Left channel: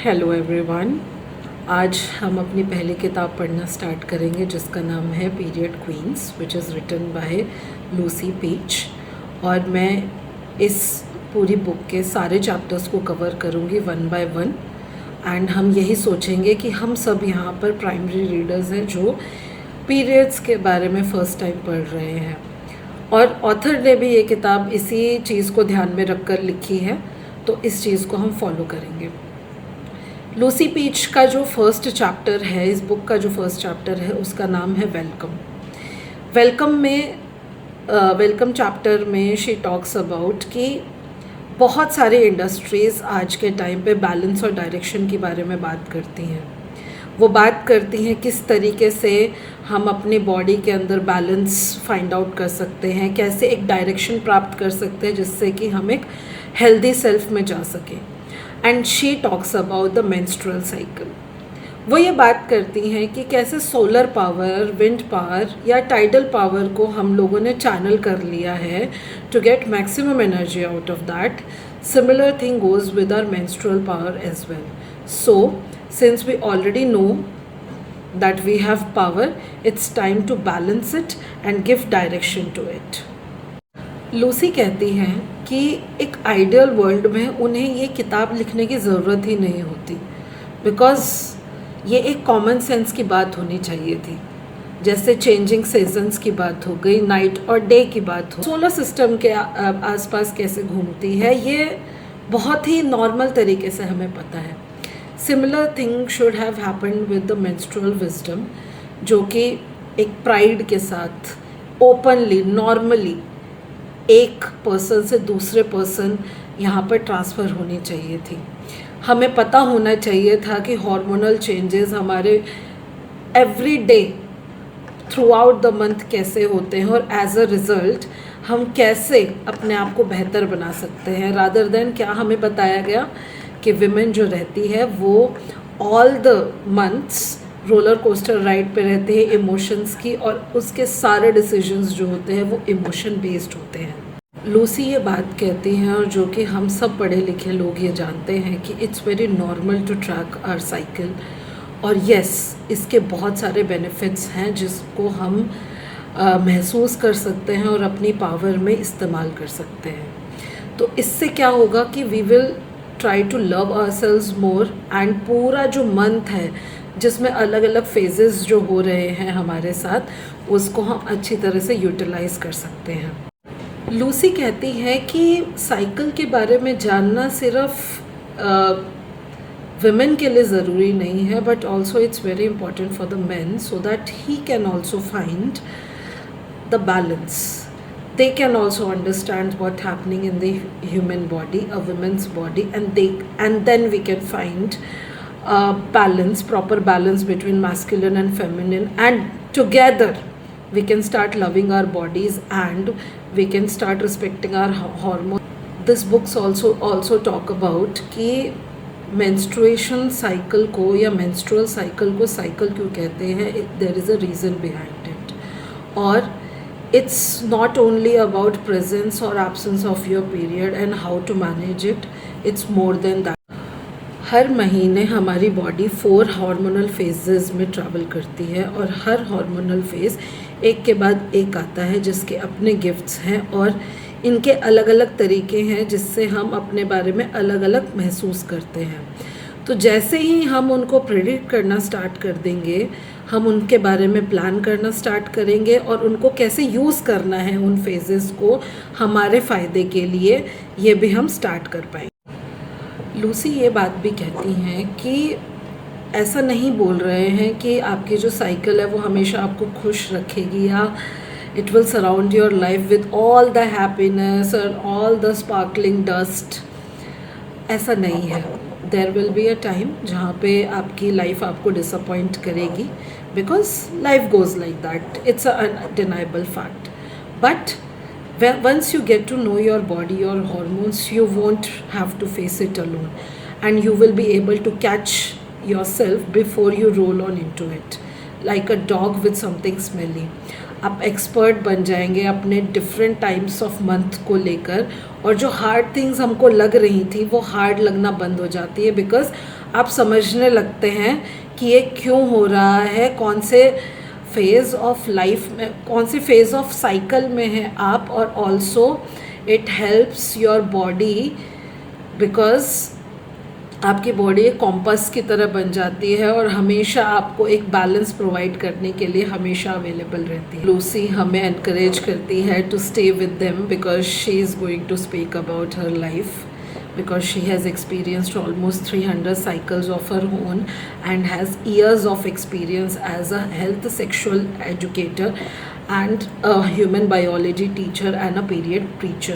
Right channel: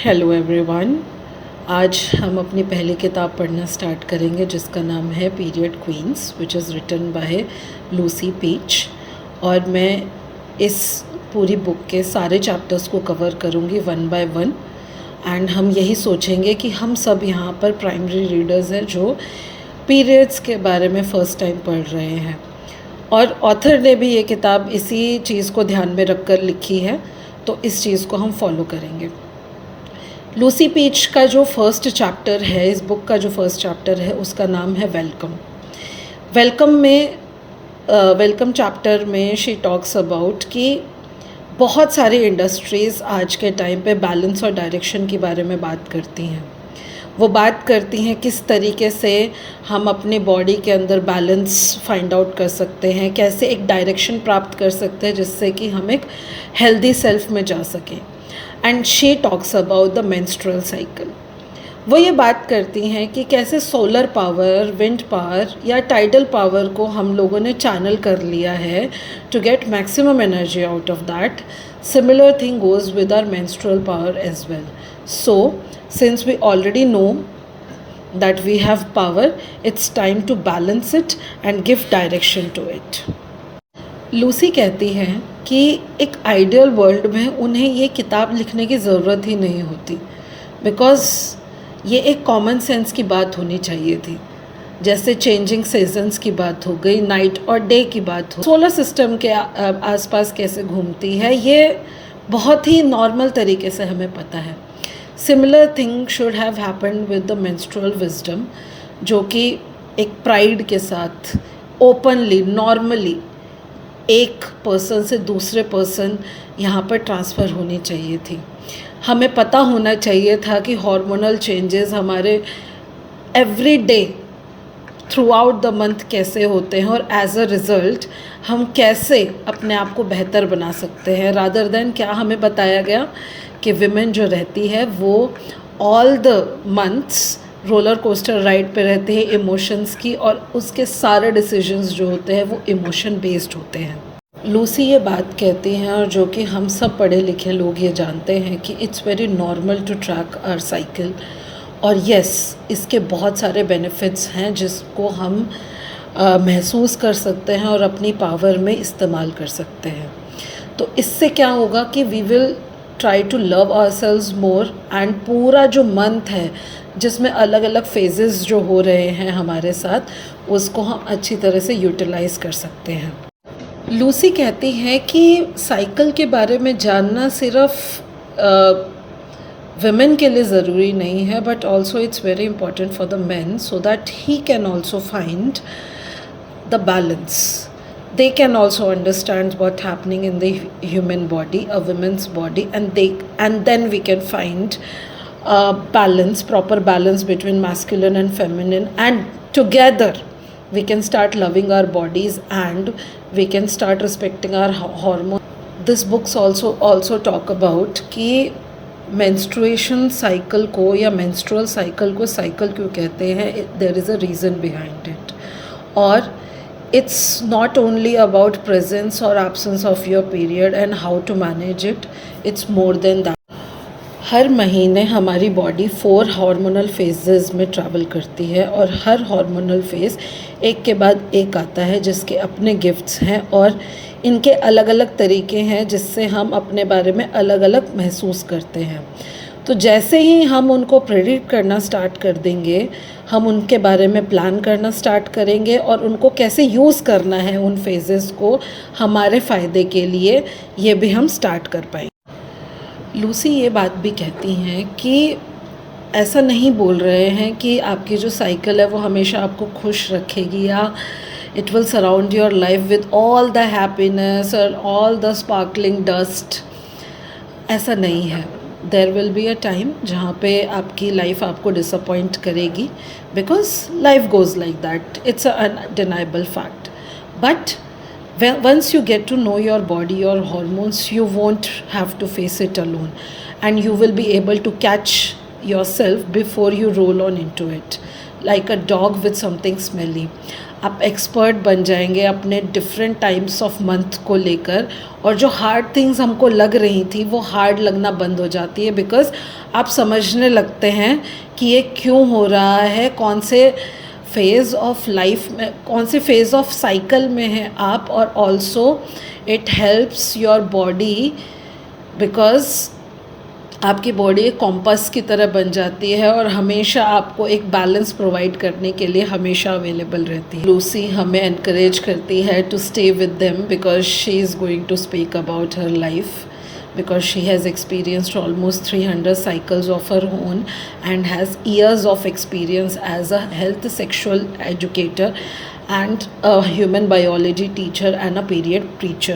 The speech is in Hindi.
Hello everyone. आज हम अपनी पहली किताब पढ़ना स्टार्ट करेंगे जिसका नाम है period queens, which is written by Lucy Peach. और मैं इस पूरी बुक के सारे चैप्टर्स को कवर करूँगी वन बाय वन। एंड हम यही सोचेंगे कि हम सब यहाँ पर प्राइमरी रीडर्स हैं जो पीरियड्स के बारे में फ़र्स्ट टाइम पढ़ रहे हैं। और ऑथर ने भी ये किताब इसी चीज़ को ध्यान में रख कर लिखी है, तो इस चीज़ को हम फॉलो करेंगे। लूसी पीच का जो फर्स्ट चैप्टर है, इस बुक का जो फर्स्ट चैप्टर है, उसका नाम है वेलकम। वेलकम चैप्टर में शी टॉक्स अबाउट कि बहुत सारी इंडस्ट्रीज़ आज के टाइम पे बैलेंस और डायरेक्शन के बारे में बात करती हैं। वो बात करती हैं किस तरीके से हम अपने बॉडी के अंदर बैलेंस फाइंड आउट कर सकते हैं, कैसे एक डायरेक्शन प्राप्त कर सकते हैं जिससे कि हम एक हेल्दी सेल्फ में जा सकें। And she talks about the menstrual cycle. वो ये बात करती हैं कि कैसे सोलर पावर, विंड पावर या टाइडल पावर को हम लोगों ने चैनल कर लिया है to get maximum energy out of that. Similar thing goes with our menstrual power as well. So since we already know that we have power, it's time to balance it and give direction to it. Lucy कहती हैं कि एक आइडियल वर्ल्ड में उन्हें ये किताब लिखने की ज़रूरत ही नहीं होती, बिकॉज़ ये एक कॉमन सेंस की बात होनी चाहिए थी। जैसे चेंजिंग सीजन्स की बात हो गई, नाइट और डे की बात हो, सोलर सिस्टम के आसपास कैसे घूमती है, ये बहुत ही नॉर्मल तरीके से हमें पता है। Similar thing should have happened with the menstrual wisdom, जो कि एक प्राइड के साथ ओपनली नॉर्मली एक पर्सन से दूसरे पर्सन यहाँ पर ट्रांसफ़र होनी चाहिए थी। हमें पता होना चाहिए था कि हार्मोनल चेंजेस हमारे every day through out the month कैसे होते हैं और एज अ रिज़ल्ट हम कैसे अपने आप को बेहतर बना सकते हैं। रादर देन क्या हमें बताया गया कि विमेन जो रहती है वो all the months roller coaster ride पे रहते हैं इमोशंस की, और उसके सारे डिसीजंस जो होते हैं वो इमोशन बेस्ड होते हैं। लूसी ये बात कहती हैं, और जो कि हम सब पढ़े लिखे लोग ये जानते हैं कि it's very normal to track our cycle. और यस, इसके बहुत सारे बेनिफिट्स हैं जिसको हम महसूस कर सकते हैं और अपनी पावर में इस्तेमाल कर सकते हैं। तो इससे क्या होगा कि we will try to love ourselves more, and पूरा जो मंथ है जिसमें अलग अलग फेजेस जो हो रहे हैं हमारे साथ, उसको हम अच्छी तरह से यूटिलाइज़ कर सकते हैं। लूसी कहती है कि साइकिल के बारे में जानना सिर्फ विमेन के लिए ज़रूरी नहीं है, but also it's very important for the man, so that he can also find the balance. They can also understand what's happening in the human body, a woman's body, and then we can find balance, proper balance between masculine and feminine, and together we can start loving our bodies and we can start respecting our hormones. This books also talk about कि menstruation cycle को या menstrual cycle को cycle क्यों कहते हैं, there is a reason behind it. और it's not only about presence or absence of your period and how to manage it, it's more than that. हर महीने हमारी बॉडी 4 हार्मोनल फेजेस में ट्रैवल करती है, और हर हार्मोनल फेज़ एक के बाद एक आता है जिसके अपने गिफ्ट्स हैं और इनके अलग अलग तरीके हैं जिससे हम अपने बारे में अलग अलग महसूस करते हैं। तो जैसे ही हम उनको प्रेडिक्ट करना स्टार्ट कर देंगे, हम उनके बारे में प्लान करना स्टार्ट करेंगे और उनको कैसे यूज़ करना है उन फेजेस को हमारे फ़ायदे के लिए, ये भी हम स्टार्ट कर पाएंगे। लूसी ये बात भी कहती हैं कि ऐसा नहीं बोल रहे हैं कि आपकी जो साइकिल है वो हमेशा आपको खुश रखेगी या it will surround your life with all the happiness और ऑल द स्पार्कलिंग डस्ट। ऐसा नहीं है। There will be a time जहाँ पे आपकी लाइफ आपको डिसअपॉइंट करेगी, because life goes like that, it's a undeniable fact. But once you get to know your body, your hormones, you won't have to face it alone, and you will be able to catch yourself before you roll on into it, like a dog with something smelly. आप एक्सपर्ट बन जाएंगे अपने डिफरेंट टाइम्स ऑफ मंथ को लेकर, और जो हार्ड थिंग्स हमको लग रही थी वो हार्ड लगना बंद हो जाती है, बिकॉज आप समझने लगते हैं कि ये क्यों हो रहा है, कौन से फेज़ ऑफ लाइफ में, कौन से फेज़ ऑफ साइकिल में हैं आप, और also it helps your body because आपकी बॉडी एक कॉम्पस की तरह बन जाती है और हमेशा आपको एक बैलेंस प्रोवाइड करने के लिए हमेशा अवेलेबल रहती है। लूसी हमें एनकरेज करती है to stay with them because she is going to speak about her life, because she has experienced almost 300 cycles of her own and has years of experience as a health sexual educator and a human biology teacher and a period preacher.